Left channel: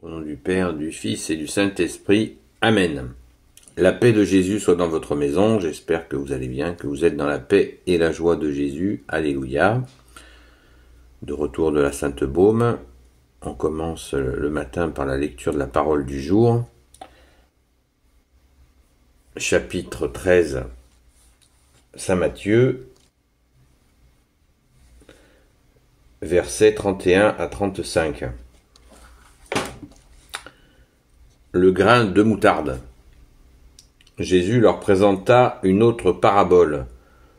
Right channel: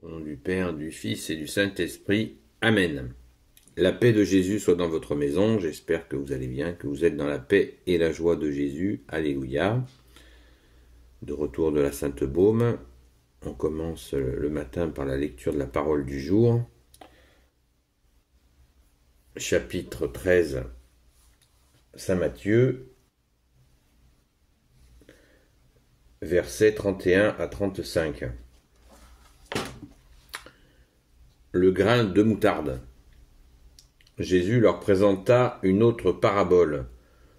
Au nom du Père, du Fils et du Saint-Esprit. Amen. La paix de Jésus soit dans votre maison. J'espère que vous allez bien, que vous êtes dans la paix et la joie de Jésus. Alléluia. De retour de la Sainte Baume. On commence le matin par la lecture de la parole du jour. Chapitre 13, Saint Matthieu, versets 31 à 35. Le grain de moutarde. Jésus leur présenta une autre parabole.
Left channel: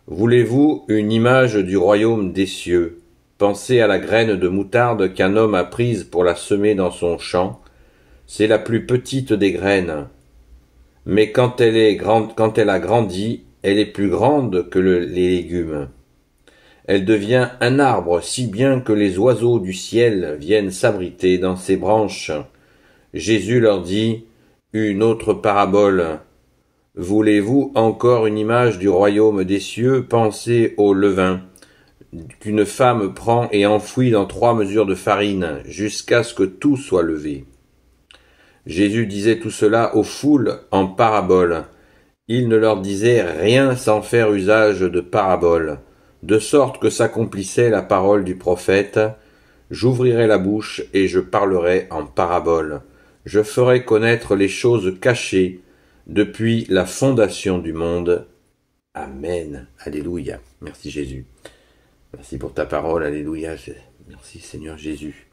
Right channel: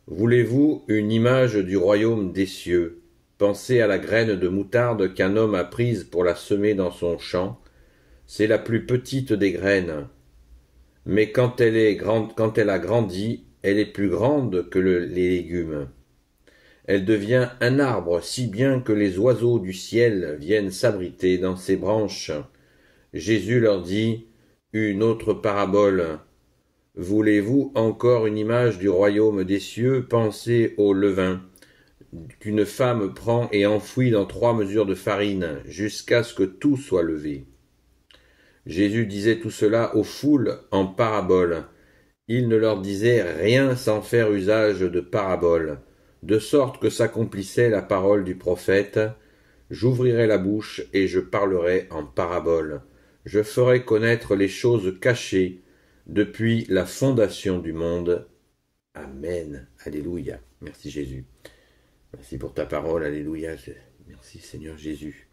Voulez-vous une image du royaume des cieux? Pensez à la graine de moutarde qu'un homme a prise pour la semer dans son champ. C'est la plus petite des graines. Mais quand elle a grandi, elle est plus grande que les légumes. Elle devient un arbre si bien que les oiseaux du ciel viennent s'abriter dans ses branches. Jésus leur dit une autre parabole. Voulez-vous encore une image du royaume des cieux? Pensez au levain qu'une femme prend et enfouit dans 3 mesures de farine, jusqu'à ce que tout soit levé. Jésus disait tout cela aux foules en parabole. Il ne leur disait rien sans faire usage de parabole, de sorte que s'accomplissait la parole du prophète. J'ouvrirai la bouche et je parlerai en parabole. Je ferai connaître les choses cachées depuis la fondation du monde. Amen. Alléluia. Merci Jésus. Merci pour ta parole. Alléluia. Merci Seigneur Jésus.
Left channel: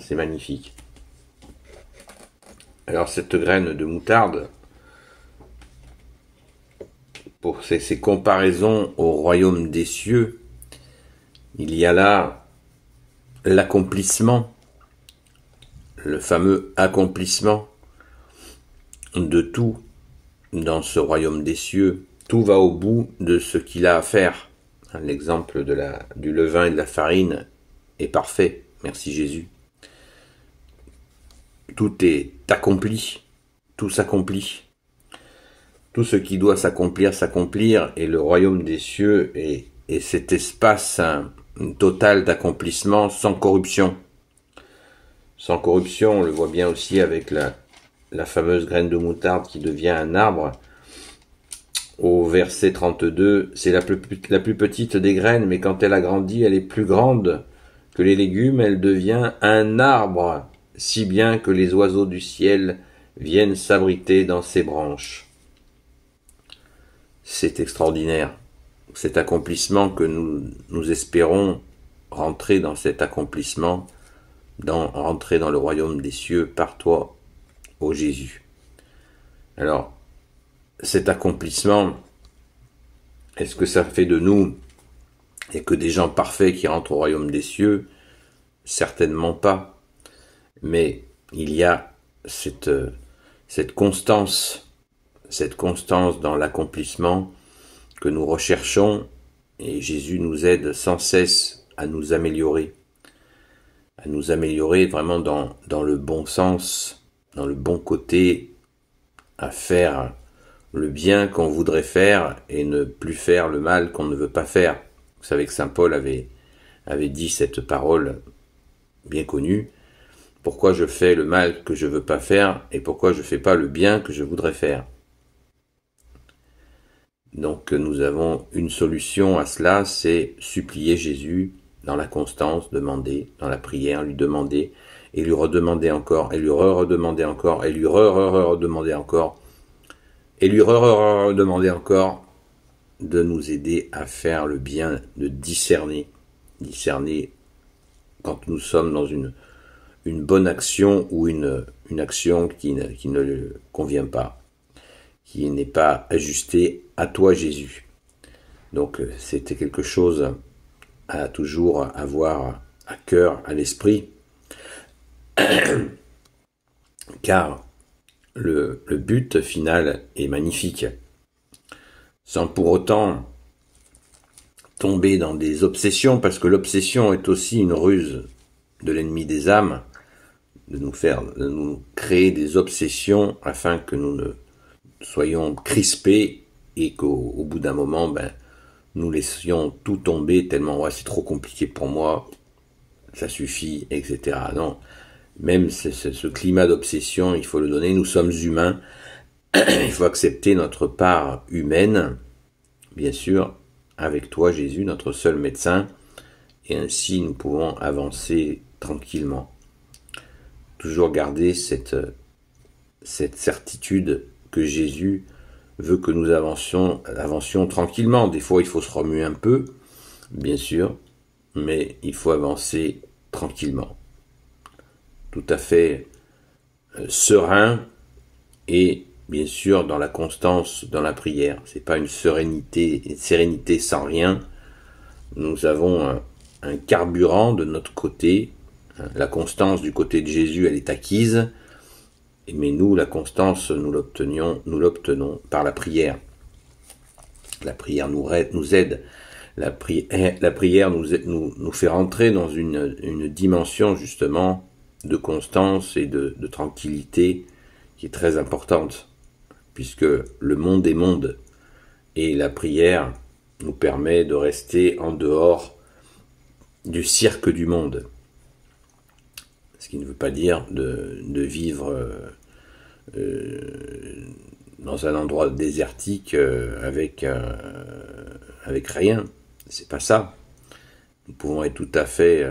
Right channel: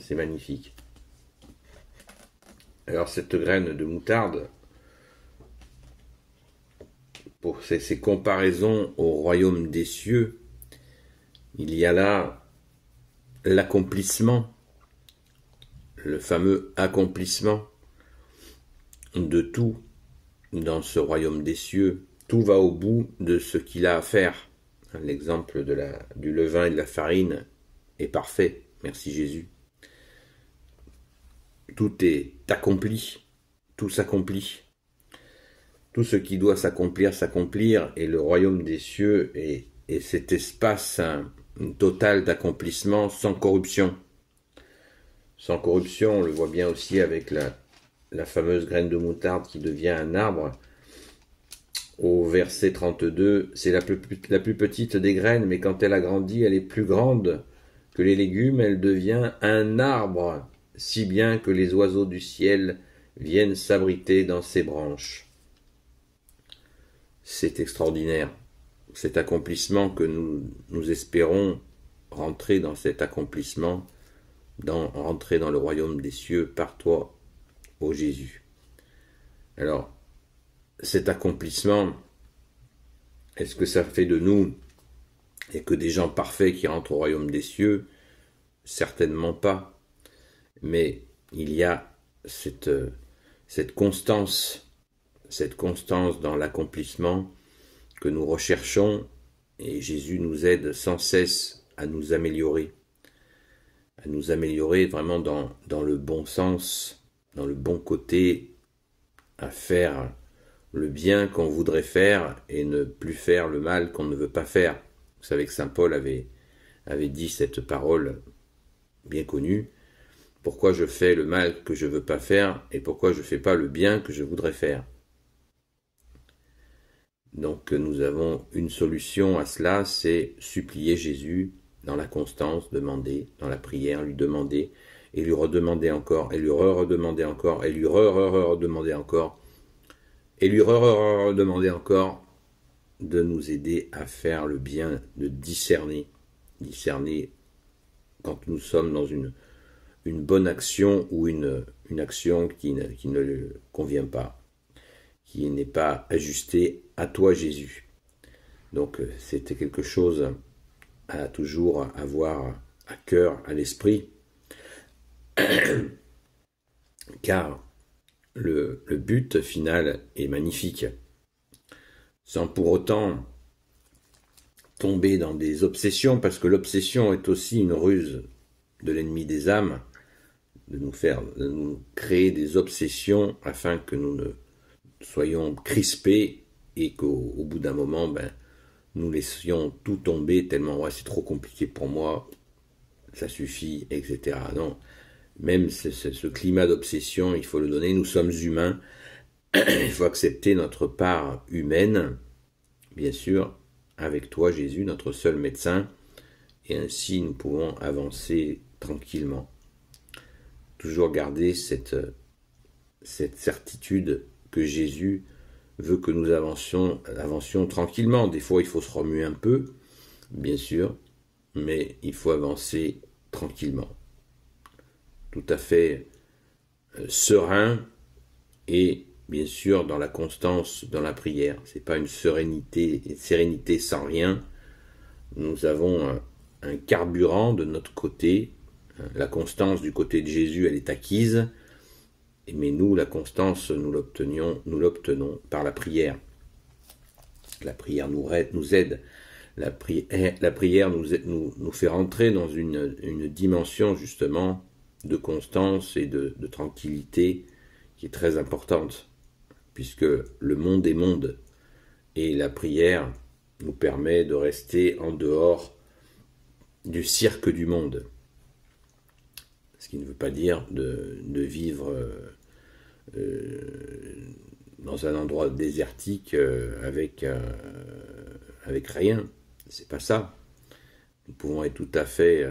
C'est magnifique. Alors cette graine de moutarde, pour ces comparaisons au royaume des cieux, il y a là l'accomplissement, le fameux accomplissement de tout dans ce royaume des cieux. Tout va au bout de ce qu'il a à faire. L'exemple du levain et de la farine est parfait. Merci Jésus. Tout est accompli. Tout s'accomplit. Tout ce qui doit s'accomplir, et le royaume des cieux est cet espace total d'accomplissement sans corruption. Sans corruption, on le voit bien aussi avec la fameuse graine de moutarde qui devient un arbre. Au verset 32, c'est la plus petite des graines, mais quand elle a grandi, elle est plus grande que les légumes, elle devient un arbre, si bien que les oiseaux du ciel viennent s'abriter dans ses branches. C'est extraordinaire, cet accomplissement que nous espérons rentrer dans cet accomplissement, rentrer dans le royaume des cieux par toi, ô Jésus. Alors, cet accomplissement, est-ce que ça fait de nous et que des gens parfaits qui rentrent au royaume des cieux? Certainement pas. Mais il y a cette constance dans l'accomplissement que nous recherchons, et Jésus nous aide sans cesse à nous améliorer vraiment dans le bon sens, dans le bon côté, à faire le bien qu'on voudrait faire et ne plus faire le mal qu'on ne veut pas faire. Vous savez que saint Paul avait dit cette parole bien connue. Pourquoi je fais le mal que je ne veux pas faire et pourquoi je ne fais pas le bien que je voudrais faire? Donc nous avons une solution à cela, c'est supplier Jésus dans la constance, demander, dans la prière, lui demander, et lui redemander encore, et lui redemander encore, et lui redemander encore, et lui redemander encore de nous aider à faire le bien, de discerner quand nous sommes dans une bonne action ou une action qui ne lui convient pas, qui n'est pas ajustée à toi Jésus. Donc c'était quelque chose à toujours avoir à cœur, à l'esprit, car le but final est magnifique, sans pour autant tomber dans des obsessions, parce que l'obsession est aussi une ruse de l'ennemi des âmes, de nous créer des obsessions afin que nous ne soyons crispés et qu'au bout d'un moment, nous laissions tout tomber tellement c'est trop compliqué pour moi, ça suffit, etc. Non, Même ce climat d'obsession, il faut le donner, nous sommes humains, il faut accepter notre part humaine, bien sûr, avec toi Jésus, notre seul médecin, et ainsi nous pouvons avancer tranquillement. Toujours garder cette certitude que Jésus veut que nous avancions tranquillement. Des fois, il faut se remuer un peu, bien sûr, mais il faut avancer tranquillement. Tout à fait serein et bien sûr dans la constance dans la prière. C'est pas une sérénité sans rien. Nous avons un carburant de notre côté. La constance du côté de Jésus, elle est acquise. Mais nous, la constance, nous l'obtenons par la prière. La prière nous aide. La prière nous fait rentrer dans une dimension justement de constance et de tranquillité qui est très importante, puisque le monde est monde, et la prière nous permet de rester en dehors du cirque du monde. Ce qui ne veut pas dire de vivre dans un endroit désertique avec rien. C'est pas ça. Nous pouvons être tout à fait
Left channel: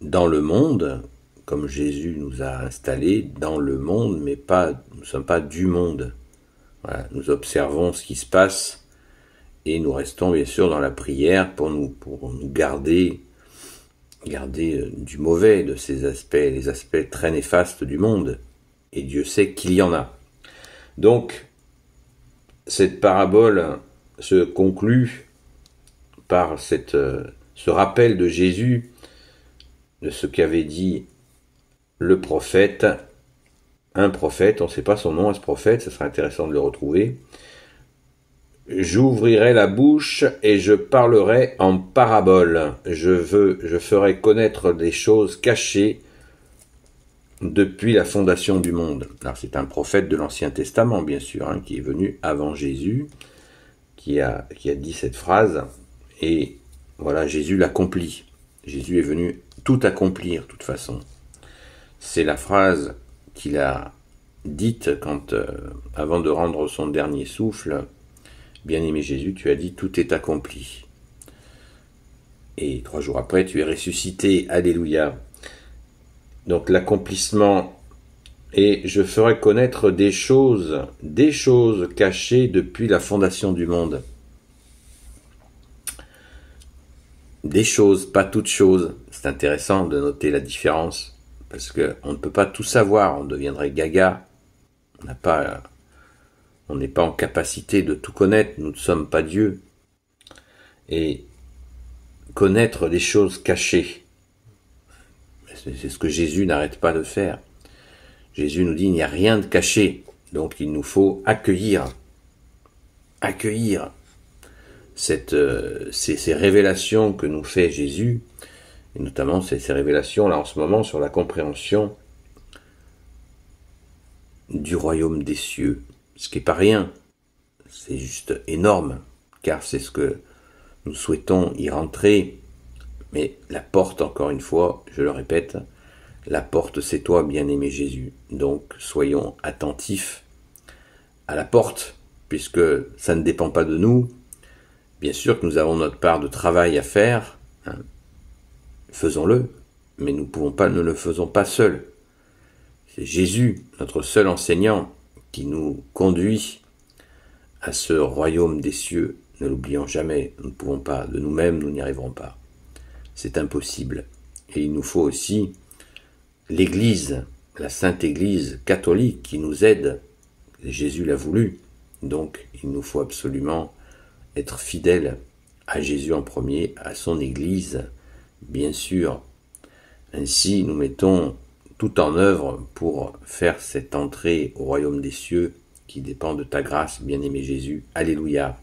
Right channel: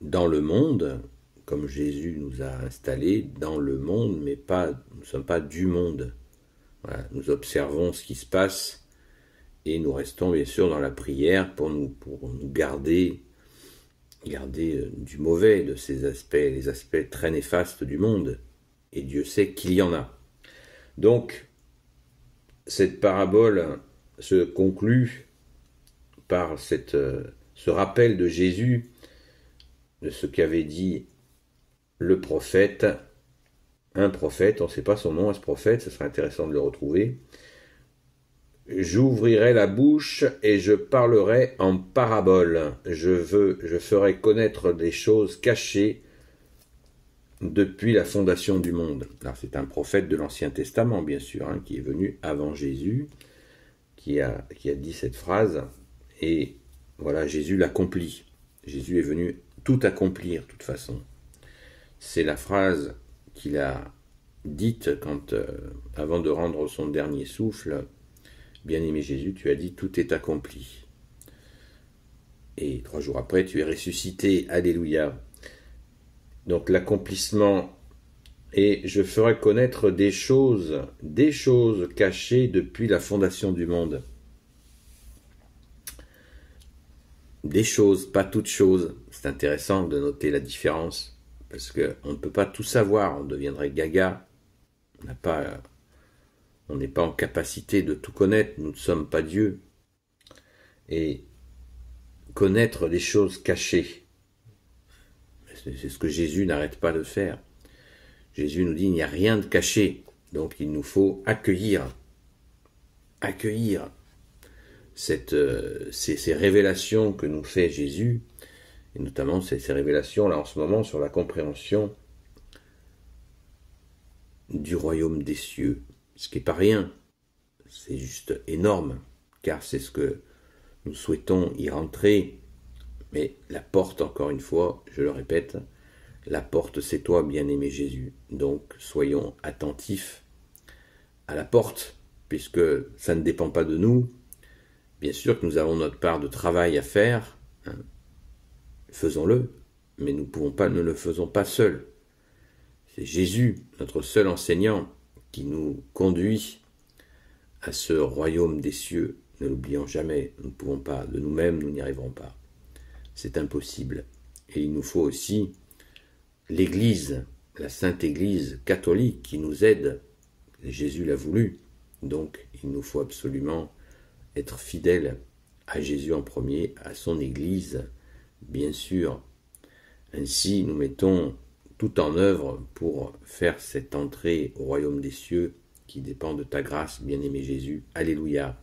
dans le monde, comme Jésus nous a installés dans le monde, mais nous ne sommes pas du monde. Voilà, nous observons ce qui se passe et nous restons bien sûr dans la prière pour nous garder du mauvais, de ces aspects, les aspects très néfastes du monde. Et Dieu sait qu'il y en a. Donc, cette parabole se conclut par ce rappel de Jésus de ce qu'avait dit le prophète, un prophète, on ne sait pas son nom à ce prophète, ça sera intéressant de le retrouver. J'ouvrirai la bouche et je parlerai en parabole. Je ferai connaître des choses cachées depuis la fondation du monde. Alors c'est un prophète de l'Ancien Testament, bien sûr, qui est venu avant Jésus, qui a dit cette phrase, et voilà, Jésus l'accomplit. Jésus est venu tout accomplir, de toute façon. C'est la phrase qu'il a dite avant de rendre son dernier souffle. Bien-aimé Jésus, tu as dit, tout est accompli. Et 3 jours après, tu es ressuscité. Alléluia. Donc l'accomplissement, et je ferai connaître des choses cachées depuis la fondation du monde. Des choses, pas toutes choses. C'est intéressant de noter la différence, parce qu'on ne peut pas tout savoir, on deviendrait gaga. On n'est pas en capacité de tout connaître, nous ne sommes pas Dieu. Et connaître des choses cachées, c'est ce que Jésus n'arrête pas de faire. Jésus nous dit, il n'y a rien de caché, donc il nous faut accueillir ces révélations que nous fait Jésus, et notamment ces révélations là en ce moment sur la compréhension du royaume des cieux, ce qui n'est pas rien, c'est juste énorme, car c'est ce que nous souhaitons y rentrer, mais la porte, encore une fois, je le répète, la porte c'est toi, bien-aimé Jésus, donc soyons attentifs à la porte, puisque ça ne dépend pas de nous. Bien sûr que nous avons notre part de travail à faire, faisons-le, mais ne le faisons pas seuls. C'est Jésus, notre seul enseignant, qui nous conduit à ce royaume des cieux. Ne l'oublions jamais, nous ne pouvons pas, de nous-mêmes nous n'y arriverons pas. C'est impossible. Et il nous faut aussi l'Église, la Sainte Église catholique qui nous aide. Jésus l'a voulu, donc il nous faut absolument être fidèles à Jésus en premier, à son Église, bien sûr. Ainsi, nous mettons tout en œuvre pour faire cette entrée au royaume des cieux qui dépend de ta grâce, bien-aimé Jésus. Alléluia.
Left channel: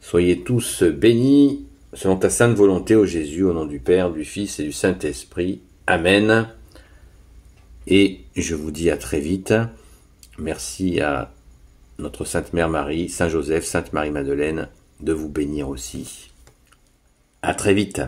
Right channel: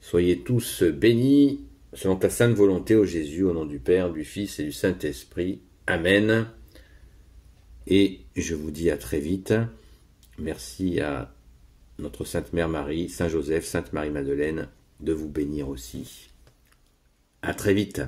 Soyez tous bénis selon ta sainte volonté, ô Jésus, au nom du Père, du Fils et du Saint-Esprit. Amen. Et je vous dis à très vite. Merci à notre Sainte Mère Marie, Saint Joseph, Sainte Marie-Madeleine, de vous bénir aussi. À très vite.